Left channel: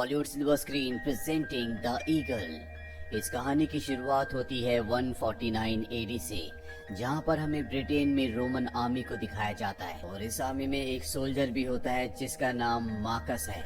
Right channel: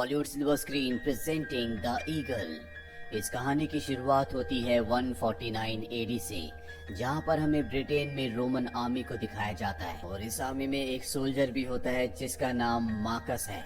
Bollywood silver screen presenting the eagle. इस कहानी की शुरुआत होती है 149 एडी से, जहां पर हमें ब्रिटेन में रोमन आर्मी को दिखाया जाता है और इस आर्मी में एक सोल्जर भी होता है जिसका नाम मार्कस है।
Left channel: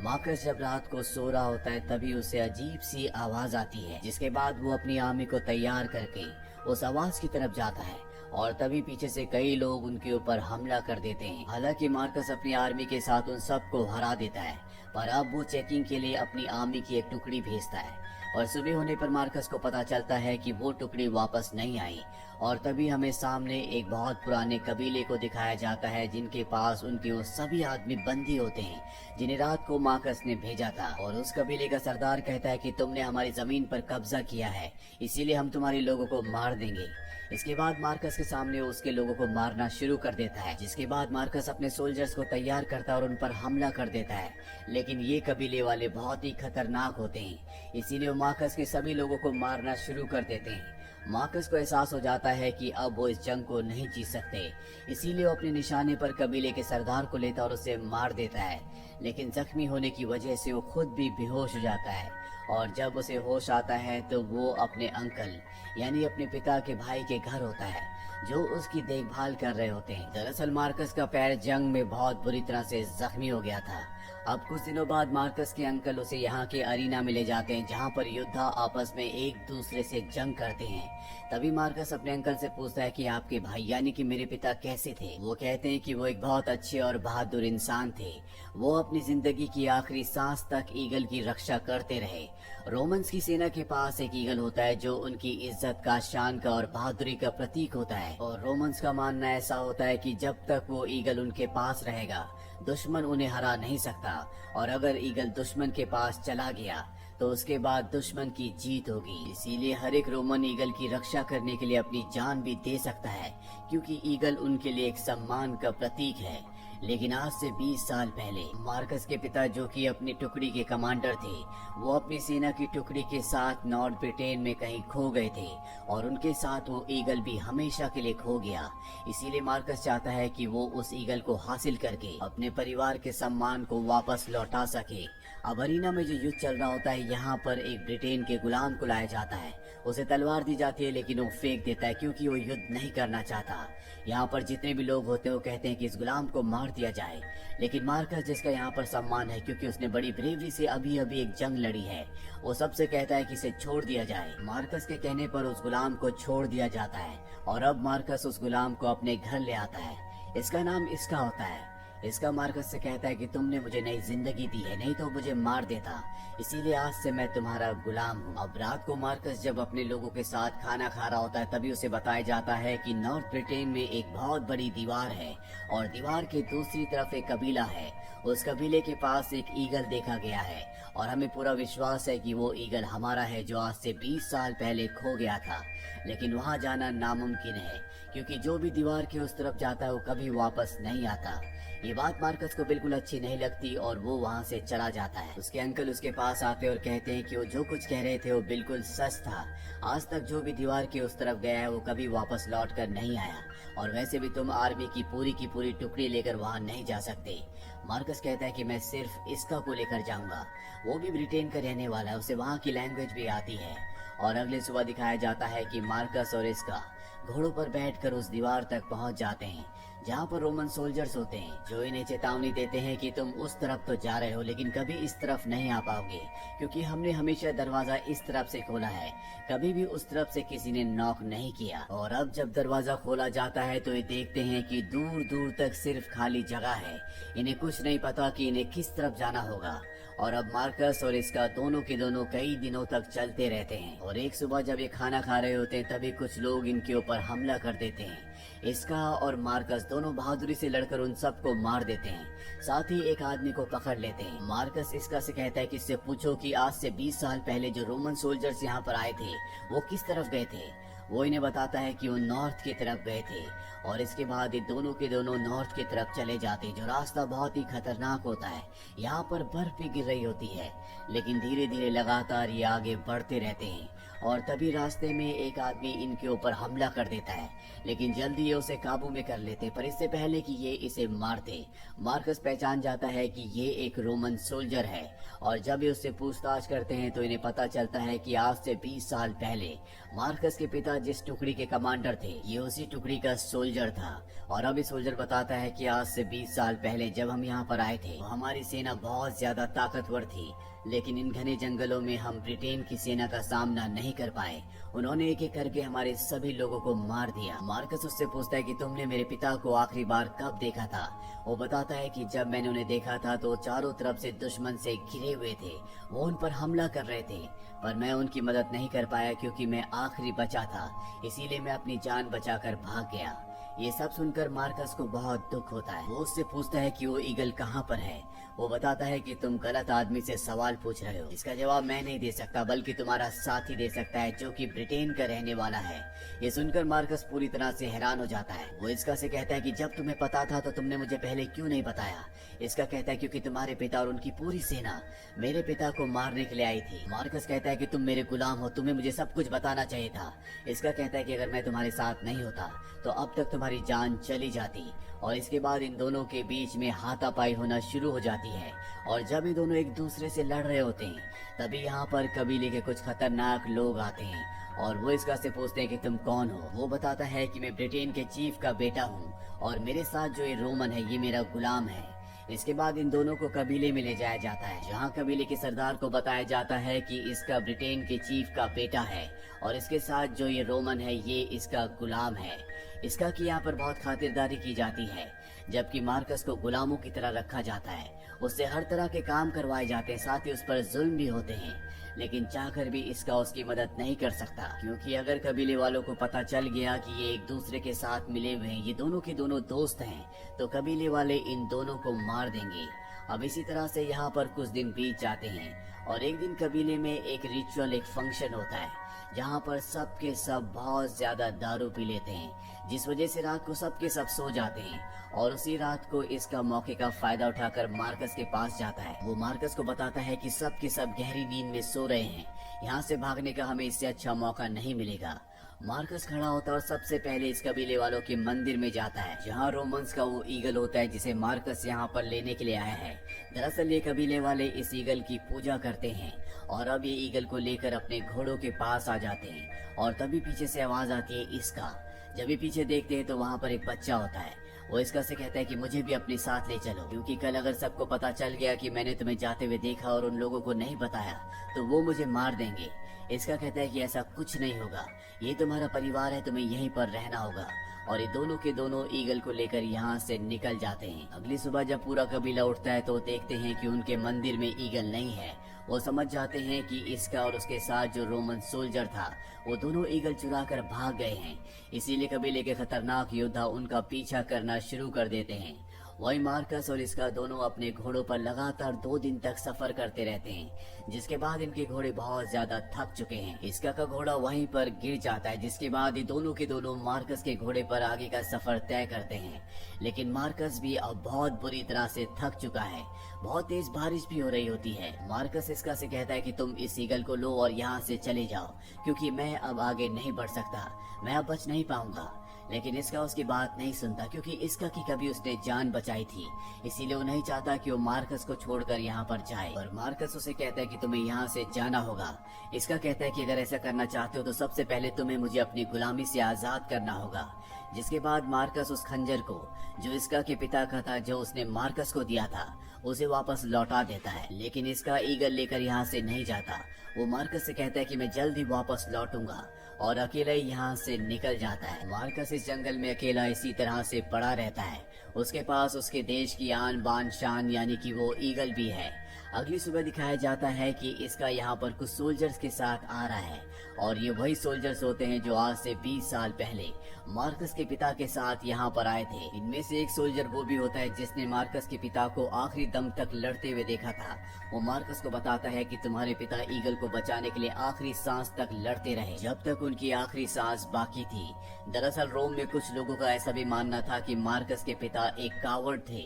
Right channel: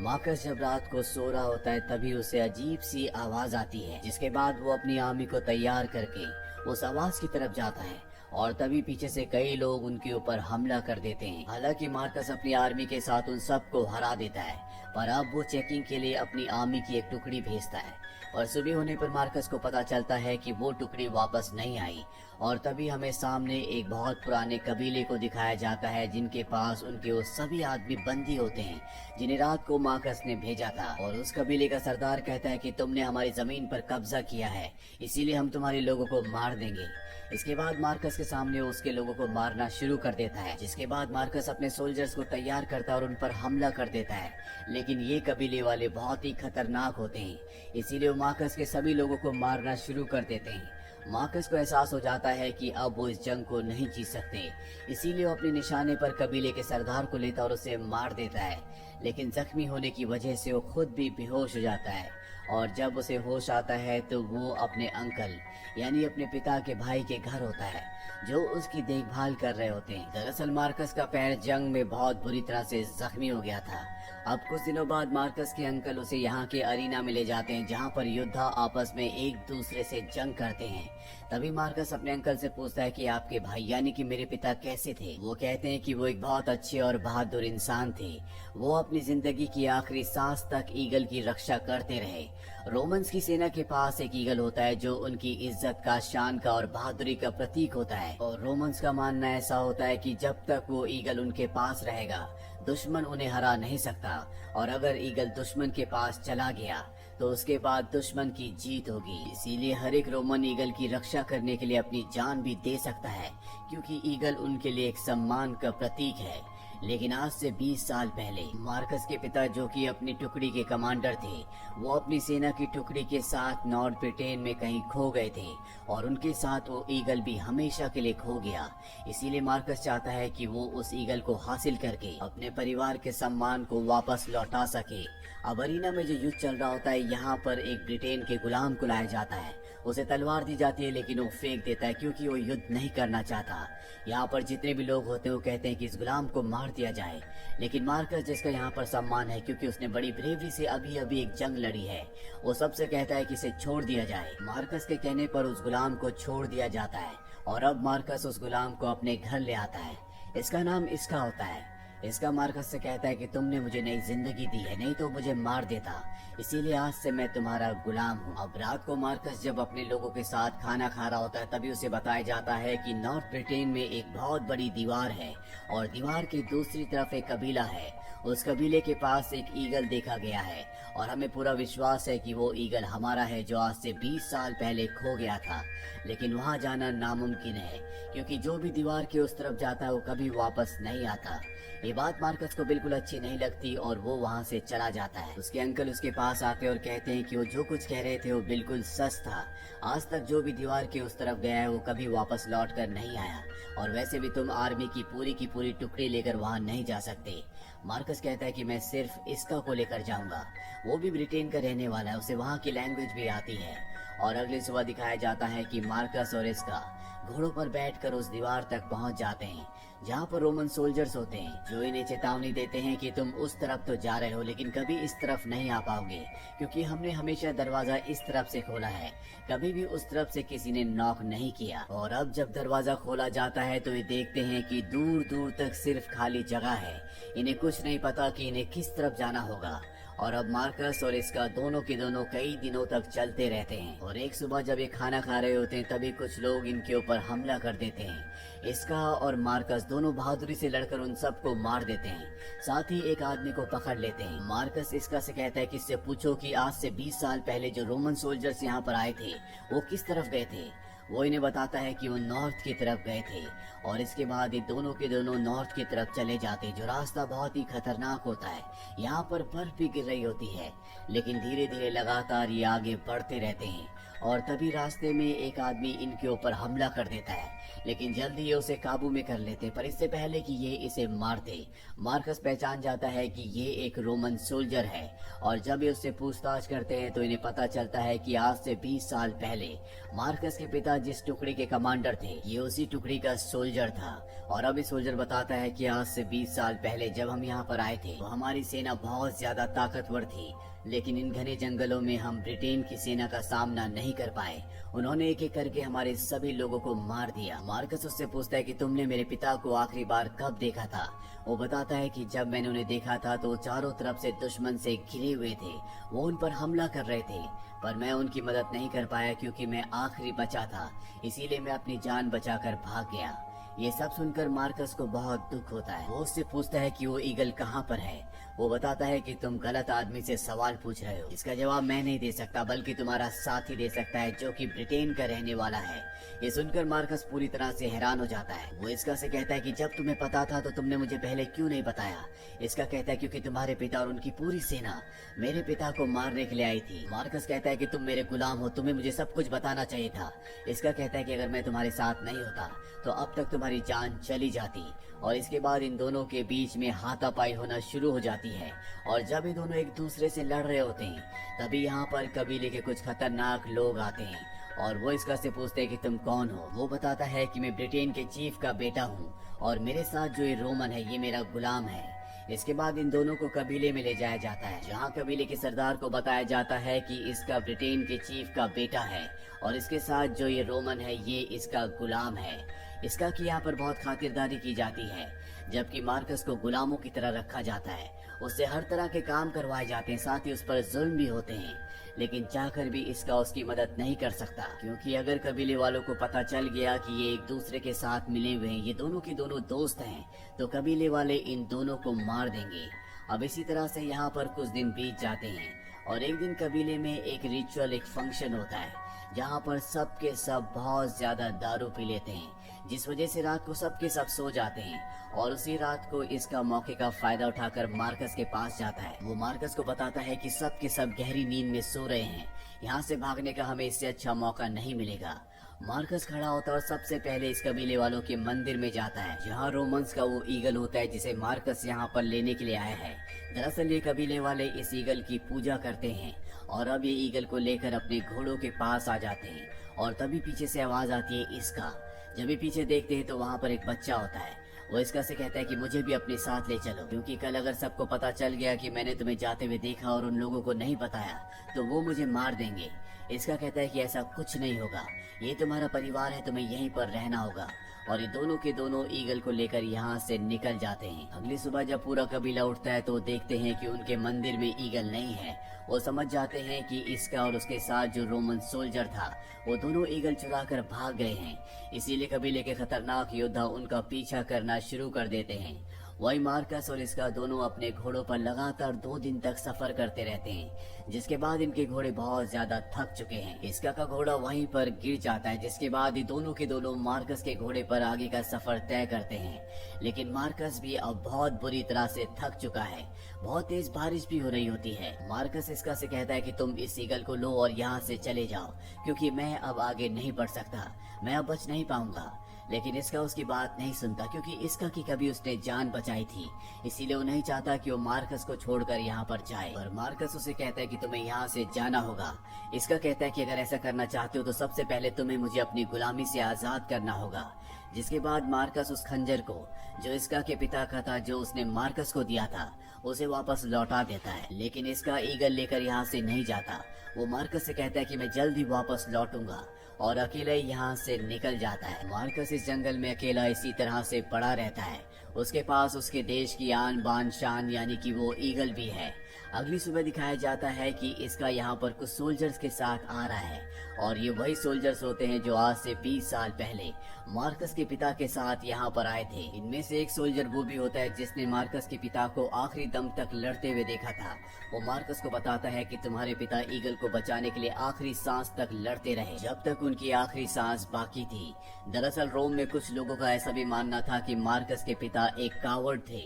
मार्कस जब रात को सो रहा होता है तभी उसे अजीब सी आवाज आती है, जिसके बाद वो अपनी आर्मी को तैयार करके उस आवाज की तरफ जाता है और तभी पीछे से कई लोग उनके ऊपर हमला कर देते हैं। हालांकि मार्कस अपनी आर्मी के साथ उन सबको हरा देता है, पर अब वो चेकिंग के लिए अपनी आर्मी की एक टुकड़ी भेजता है और सुबह होने पर मार्कस को पता चलता है कि वो टुकड़ी वापस नहीं आई और तभी हमें सामने एक बहुत पुराने कबीले को दिखाया जाता है जिनके पास उनके वो सभी आदमी बंदी होते हैं जिन्हें रात को मार्कस ने भेजा था। और उस कबीले का सरदार कहता है कि तुमने हमारी जमीन पर कब्जा किया है, इसीलिए हम तुम्हारे लोगों को मार देंगे। इसके बाद मार्कस के सामने उसके लोगों को मारना शुरू कर देता है, जिसके बाद मार्कस अपने सोल्जर्स को तैयार करता है और उन पर हमला कर देता है। लेकिन ये कबीले वाले बहुत ही खतरनाक होते हैं, इसीलिए वो मार्कस के सभी लोगों को मारना शुरू कर देते हैं। मार्कस को एहसास हो जाता है कि अब वो इस जंग को नहीं जीत सकते, इसीलिए वो अपने निशाने पर कबीले के सरदार को लेता और उसे मार देता है। लेकिन जख्मी होने की वजह से वो खुद भी बेहोश हो जाता है और जब उसे होश आता है तो वो अपने अंकल यानी अपने पिता के भाई के घर होता है जो उसकी देखभाल कर रहे होते हैं। दरअसल मार्कस का पैर जंग में बहुत बुरी तरह से जख्मी हो गया था। अब कुछ दिनों बाद मार्कस के अंकल उसे यहाँ के अरीना में ले जाते हैं जहाँ पर योद्धा आपस में एक दूसरे से जंग करते हैं। तभी मार्कस अपने अंकल से पूछता है कि आपके भाई यानी कि मेरे पिता कैसे थे। वो कहते हैं कि वो एक बहुत अच्छे और बहादुर इंसान थे। वो अपनी जिंदगी की आखिरी सांस तक ईगल की रक्षा करते रहे। रोमन्स की सेना के पास एक ईगल होता है जो उनकी इज्जत का, शान का और बहादुरी का प्रतीक होता है और रोमन्स का मानना ऐसा होता है कि जब तक वो ईगल उनके पास रहेगा दुश्मन उन्हें हरा नहीं सकता और अगर ईगल दुश्मन के पास चला गया तो उसके बाद दुश्मन की जीत होगी। इसीलिए हर एक रोमन ईगल की रक्षा करने के लिए अपनी जान भी दे सकता है, क्योंकि ईगल उनके लिए एक सम्मान का प्रतीक है। लेकिन आज से 20 साल पहले मार्कस के पिता, जो कि अपनी टुकड़ी के कमांडर थे, वो अपनी सेना की टुकड़ी के साथ नॉर्थ ब्रिटेन में कहीं खो गए थे और उनके साथ वो ईगल भी हमेशा के लिए खो गया। इसीलिए मार्कस चाहता है कि वो उस ईगल को हासिल करके अपने परिवार के सम्मान को वापस लौटा सके। अब अरीना में जो युद्ध चल रहा होता है, यहाँ पर एक ब्रिटेन के गुलाम को लाया जाता है। उसे तलवार दी जाती है लेकिन वो फेंक देता है क्योंकि वो युद्ध नहीं करना चाहता। यहाँ पर जितने भी लोग होते हैं वो कहते हैं कि इस गुलाम को मार दिया जाए, लेकिन मार्कस, जिसका यहाँ पर सम्मान है क्योंकि उसने बड़ी ब्रेवरी से अभी अभी एक जंग लड़ी है, वो सबसे कहता है कि इसे छोड़ दिया जाए। मार्कस के कहने पर उस गुलाम को छोड़ दिया जाता है और अब मार्कस उस गुलाम को अपने घर ले आता है। इसका नाम इसका होता है। इसका मार्कस से कहता है कि तुमने मुझे नई जिंदगी दी है, नहीं तो मुझे मार देता, इसीलिए आज से मैं तुम्हारा गुलाम हूँ। अब रात को मार्कस जब अपने लोगों के साथ खाना खा रहा होता है तभी उसे बताया जाता है कि नॉर्थ ब्रिटेन में एक बहुत बड़ी दीवार है और दीवार के दूसरी तरफ एक कबीला है। उस कबीले के पास एक ईगल देखा गया है और हमें पूरा विश्वास है कि वो ईगल हमारा है जो आज से 20 साल पहले खो गया था। लेकिन वहाँ जाना नामुमकिन है क्योंकि जो भी दीवार के उस तरफ जाता है वो कभी वापस नहीं आता। ये बात मार्कस को बिल्कुल अच्छी नहीं लगती और वो वहाँ से चला जाता है। उसके अंकल उसके पास आते और कहते हैं कि वो जो कुछ कह रहे थे वो बिल्कुल सच था। आज तक जो भी दीवार की उस तरफ गया है वो कभी वापस लौट कर नहीं आया और वैसे भी तुम आर्मी की पूरी टुकड़ी लेकर वहाँ नहीं जा सकते। मार्कस कहता है कि मैं सिर्फ इसका को लेकर जाऊंगा। वो भी ब्रिटेन का रहने वाला है, उसे वहाँ की लैंग्वेज भी आती है। और अगली सुबह दिखाया जाता है कि मार्कस और इसका घोड़ों पर बैठकर उस दीवार तक पहुंच जाते हैं जहां पर रोमन सोल्जर्स होते हैं जो इन्हें चेतावनी देते हैं कि तुम उस तरफ तो जा रहे हो लेकिन कभी इस तरफ नहीं आ पाओगे, क्योंकि हमने हमेशा दरवाजा इस तरफ से खोला है, कभी भी उस तरफ से किसी ने नॉक नहीं किया। और अब जब दरवाजा खोला जाता है तो ये देखते हैं कि दूर दूर तक सिर्फ खाली जगह है। इन्हें कुछ नहीं पता कि इन्हें किस तरफ जाना होगा। और अब मार्कस और इसका दोनों के दोनों कई दिनों तक चलते रहते हैं और एक सुबह जब ये खाना खा रहे होते हैं तभी कुछ लोग इनके ऊपर हमला कर देते हैं। इसका और मार्कस दोनों बहादुरी से लड़कर उन सबको मार देते हैं, साथ ही एक आदमी को पकड़ लेते हैं। मार्कस इसका से कहता है कि इससे पूछो कि आज से 20 साल पहले जो रोमन सोल्जर्स यहाँ पर आए थे वो किस तरफ गए थे। वो इन्हें बताता है कि वो नॉर्थ की तरफ गए थे और इसके बाद ये दोनों के दोनों नॉर्थ की तरफ चले जाते हैं, जो रास्ता बहुत ही खतरनाक होता है। यहाँ पर बर्फ भी गिर रही होती है लेकिन धीरे धीरे लगातार ये आगे बढ़ते रहते हैं और तभी रास्ते में एक आदमी इनके ऊपर हमला कर देता है, लेकिन जल्दी ये उसे काबू में कर लेते। पर इससे पहले कि ये इसे मारते, मार्कस पहचान जाता है कि ये एक रोमन सोल्जर है। और जब ये उससे पूछताछ करते हैं तो इन्हें पता चलता है कि आज से 20 साल पहले मार्कस के पिता जिस टुकड़ी के कमांडर थे, ये उसी टुकड़ी का सोल्जर था। और अभी सोल्जर बताता है कि आज से 20 साल पहले जब हम यहाँ पर आए थे, हमारी सेना बहुत ज्यादा ताकतवर थी, लेकिन इन घने जंगलों में हम ब्रिटेन की सेना का सामना नहीं कर पाए। उन्होंने एक एक करके हमारे सभी लोगों को मार दिया। मार्कस उससे पूछता है कि तुमने मेरे पिता को आखिरी बार कब देखा था? वो बताता है कि जब मैंने उन्हें देखा था तो चारों तरफ से दुश्मन से घिरे हुए थे, वो उन पर हमला कर रहे थे, पर मैं उनकी मदद नहीं कर पाया क्योंकि मैं आखिरी बचा था, इसीलिए मैं अपनी जान बचाकर भाग गया। ये सब सुनकर मार्कस को बहुत दुख होता है। वो उससे पूछता है कि वो ईगल कहाँ पर है। वो बताता है कि तुम गलत आदमी से सवाल पूछ रहे हो। इसका जवाब मैं नहीं दे सकता, बल्कि तुम्हारा साथी दे सकता है, जो कि ब्रिटेन का रहने वाला है। ये सुनकर मार्कस पूरी तरह से हैरान हो जाता है। वो इसका से कहता है कि जब तुम्हें पता था तो तुमने मुझे पहले क्यों नहीं बताया? इसका कहता है क्योंकि तुम्हारे पिता और उनकी पूरी सेना मेरे पिता को मारने के लिए आई थी। मार्कस कहता है कि तुम मेरे गुलाम हो, तुम्हें मुझे सब कुछ बताना चाहिए था। इसका कहता है कि अगर मैं तुम्हारे साथ नहीं होता तो अब तक तुम्हारी जान चली जाती। और इसके बाद इन दोनों के बीच में हाथापाई होना शुरू हो जाती है। और जब ये दोनों एक दूसरे से लड़ रहे होते हैं, तभी यहाँ पर कबीले के कुछ खतरनाक लोग आते हैं और वो इसका से पूछते हैं कि तुम कौन हो। वो बताता है कि मैं ब्रिटेन के चीफ का बेटा हूँ और मेरे साथ जो ये रोमन है ये मेरा गुलाम है। इसके बाद इन दोनों को कबीले में ले जाया जाता है, जहाँ कबीले के सरदार को बताया जाता है कि इसका ब्रिटेन के चीफ का बेटा है और इसके साथ जो ये रोमन है ये इसका गुलाम है। इसका कि यहाँ पर बहुत खातिरदारी की जाती है, जबकि मार्कस को गुलामों की तरह रखा जाता है। उससे हर तरह के काम करवाए जाते हैं, साथ ही उस पर जुल्म भी होते हैं, लेकिन चाहकर भी इसका उसकी मदद नहीं कर सकता, क्योंकि अगर कबीले वालों को पता चल गया कि ये एक दूसरे के साथ मिले हुए हैं, ये दोनों के दोनों दोस्त हैं, तो कबीले वाले इन दोनों को मार देंगे। अब इसी तरह से यहाँ पर कुछ दिन बीत जाते हैं और एक दिन कबीले में एक रिचुअल, एक फंक्शन होता है, जहाँ पर सब के सब बहुत ज्यादा दारू पी लेते हैं, जिस वजह से रात को सब के सब सो जाते हैं। और उसी रात को इसका मौके का फायदा उठाकर मार्कस के पास जाता है। वो मार्कस को बताता है कि सब के सब गहरी नींद में सो रहे हैं, यहाँ से भागने का हमें इससे अच्छा मौका नहीं मिलेगा। मार्कस खड़ा होता है, सबसे पहले इस कबीले वालों के मंदिर में जाता है, जहाँ रोमन्स का वो ईगल होता है जिसे मार्कस यहाँ पर लेने के लिए आए हैं। दरअसल ये कबीले वाले इस ईगल की पूजा करते हैं और अब ये ईगल को लेकर अपने घोड़ों के पास आ जाते हैं। और तभी पीछे से आवाज आती है इसका। जब भी पीछे देखते हैं तो वहाँ पर एक बच्चा होता है। वो इसका से कहता है कि मुझे भी अपने साथ ले चलो, क्योंकि कल अगर सबको पता चल गया कि मैंने तुम्हें जाते हुए देखा और उन लोगों को नहीं बताया तो वो मुझे मार देंगे। इसका कहता है कि ऐसा कुछ नहीं होगा, ये तुम्हारा परिवार है, तुम्हें यहीं पर रहना होगा। और ये दोनों के दोनों ईगल को लेकर यहाँ से निकल जाते हैं। अगली सुबह जब पूरा कबीला उठता है तो देखते हैं कि उनके मंदिर में ईगल नहीं है। वो समझ जाते हैं कि इसका और उसके साथ जो रोमन सोल्जर था वो दोनों ईगल चुरा कर भाग गए हैं। इसीलिए कबीले के खतरनाक योद्धा उनका पीछा करना शुरू कर देते हैं। वही मार्कस और इसका दोनों अपने घोड़ों पर लगातार 2 दिन तक सफर करते रहते हैं, जिसके बाद इनके घोड़े बहुत ज्यादा थक चुके हैं। इसका का घोड़ा वहीं पर गिर जाता है, जिसके बाद ये दोनों के दोनों मार्कस के घोड़े पर आगे का सफर तय करते हैं। लेकिन मार्कस भी अब बहुत बुरी तरह से थक चुका है। बहुत तेज बारिश भी हो रही होती है। मार्कस इसका से कहता है कि तुम इस ईगल को लो और यहाँ से चले जाओ, क्योंकि मैं अब आगे नहीं बढ़ सकता, मैं अब बच नहीं पाऊंगा। लेकिन इसका उसकी बात नहीं सुनता, क्योंकि इसका की कभी उसने जान बचाई थी, इसीलिए वो नहीं चाहता कि वो मार्कस को छोड़कर यहाँ पर जाए। और मार्कस उसे कहता है कि तुम्हें यहाँ से जाना होगा। इसका कहता है कि अगर ऐसा करना चाहते हो तो सबसे पहले तुम्हें मुझे अपनी गुलामी से आजाद करना होगा। जिसके बाद मार्कस उस खंजर को, जो इसका के पिता का था, जो उसने मार्कस को दिया था, उसे वापस लौटा देता है। लेकिन इसका ईगल लेकर यहाँ से नहीं जाता। वो मार्कस से कहता है कि मैं जल्द ही वापस लौटूंगा, और अकेला ही यहाँ से निकल जाता है। मार्कस इस जंगल में अकेला इसी तरह से पड़ा रहता है। उसके पास उसके देश की आन बान शान यानी कि वो ईगल भी है। अगली सुबह दिखाया जाता है कि इसका यहाँ पर कुछ सोल्जर्स के साथ आ रहा है, और ये वही सोल्जर्स होते हैं जो आज से 20 साल पहले मार्कस के पिता के साथ यहाँ पर आए थे। इनमें से एक सोल्जर वो भी होता है जिसने मार्कस के पिता को आखिरी दम तक लड़ते हुए देखा था। वो मार्कस को बताता है कि तुम्हारे पिता ईगल को बचाने के लिए आखिरी सांस तक लड़ते रहे, जब तक उनकी आखिरी सांस बाकी थी। दरअसल रोम में कुछ लोगों का ऐसा भी मानना था कि मार्कस के पिता एक कावर्ड थे,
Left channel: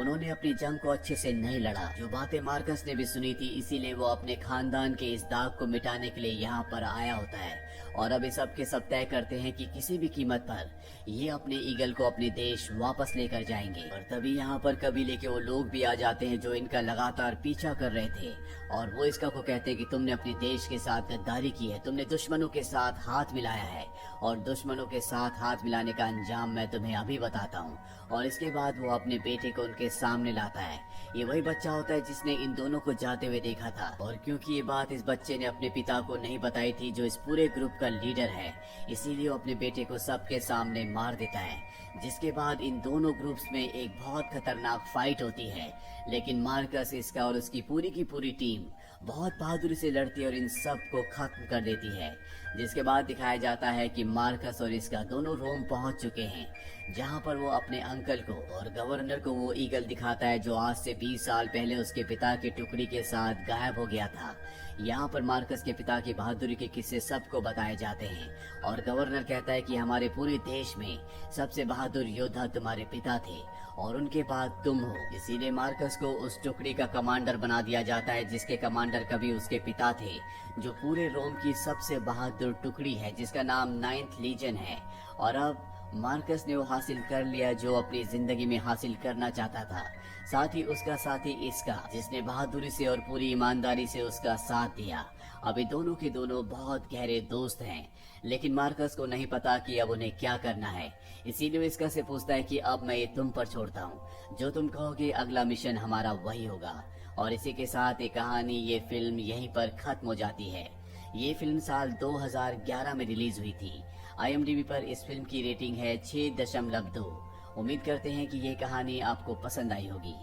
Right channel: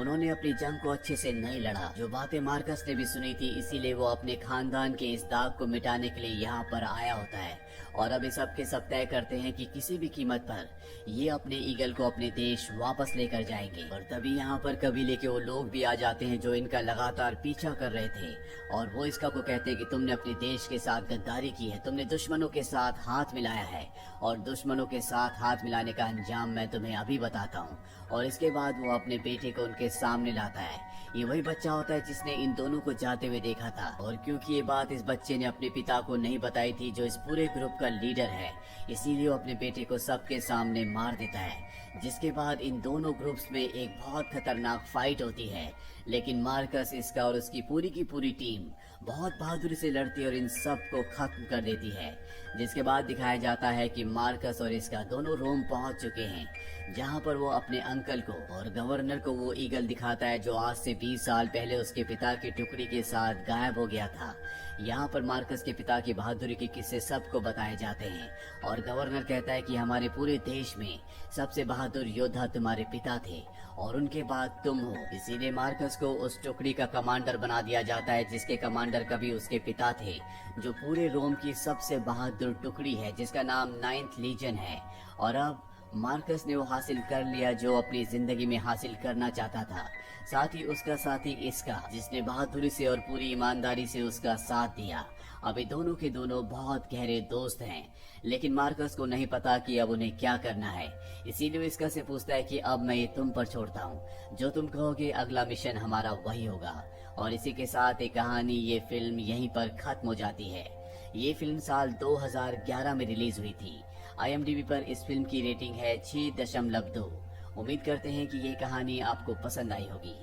उन्होंने अपनी जंग को अच्छे से नहीं लड़ा। जो बातें मार्कस ने भी सुनी थी, इसीलिए वो अपने खानदान के इस दाग को मिटाने के लिए यहाँ पर आया होता है। और अब ये सब के सब तय करते हैं कि किसी भी कीमत पर ये अपने ईगल को अपने देश वापस लेकर जाएंगे। और तभी यहाँ पर कबीले के वो लोग भी आ जाते हैं जो इनका लगातार पीछा कर रहे थे, और वो इसका को कहते हैं कि तुमने अपने देश के साथ गद्दारी की है, तुमने दुश्मनों के साथ हाथ मिलाया है, और दुश्मनों के साथ हाथ मिलाने का अंजाम मैं तुम्हें अभी बताता हूँ। और इसके बाद वो अपने बेटे को उनके सामने लाता है। ये वही बच्चा होता है जिसने इन दोनों को जाते हुए देखा था, और क्योंकि ये बात इस बच्चे ने अपने पिता को नहीं बताई थी जो इस पूरे ग्रुप का लीडर है, इसीलिए वो अपने बेटे को सबके सामने मार देता है। जिसके बाद इन दोनों ग्रुप्स में एक बहुत खतरनाक फाइट होती है, लेकिन मार्कस, इसका और उसकी पूरी की पूरी टीम बहुत बहादुरी से लड़ती है और इन सब को खत्म कर देती है। जिसके बाद दिखाया जाता है कि मार्कस और इसका दोनों रोम पहुंच चुके हैं, जहां पर वो अपने अंकल को और गवर्नर को वो ईगल दिखाता है जो आज से 20 साल पहले उसके पिता की टुकड़ी के साथ गायब हो गया था। यहाँ पर मार्कस के पिता की बहादुरी के किस्से सबको बताए जाते हैं, और गवर्नर कहता है कि हमारे पूरे देश में सबसे बहादुर योद्धा तुम्हारे पिता थे और उनके बाद तुम हो। इसीलिए मार्कस को उस टुकड़ी का कमांडर बना दिया जाता है जिसके कमांडर कभी उसके पिता थे, जो पूरे रोम की सबसे बहादुर टुकड़ी है जिसका नाम 9th लीजन है। और अब मार्कस ने वो हासिल कर लिया जो अपनी जिंदगी में हासिल करना चाहता था, साथ ही उसका साथी इसका, जिसने बहादुरी से और पूरी ईमानदारी से उसका साथ दिया। अभी दोनों के दोनों बहुत गहरे दोस्त हैं, लेकिन मार्कस को नहीं पता कि अब उन्हें क्या करना है। इसीलिए इसका से पूछता है कि अब मैं ये तुम पर छोड़ता हूँ, जो तुम कहोगे अगला मिशन हमारा वही होगा। और इसी के साथ ये कहानी, ये फिल्म यहीं पर खत्म हो जाती है। ये फिल्म साल 2011 में रिलीज हुई थी। IMDb पर इस फिल्म की रेटिंग है 6.2। उम्मीद करते हैं कि ये कहानी आपको पसंद आई होगी।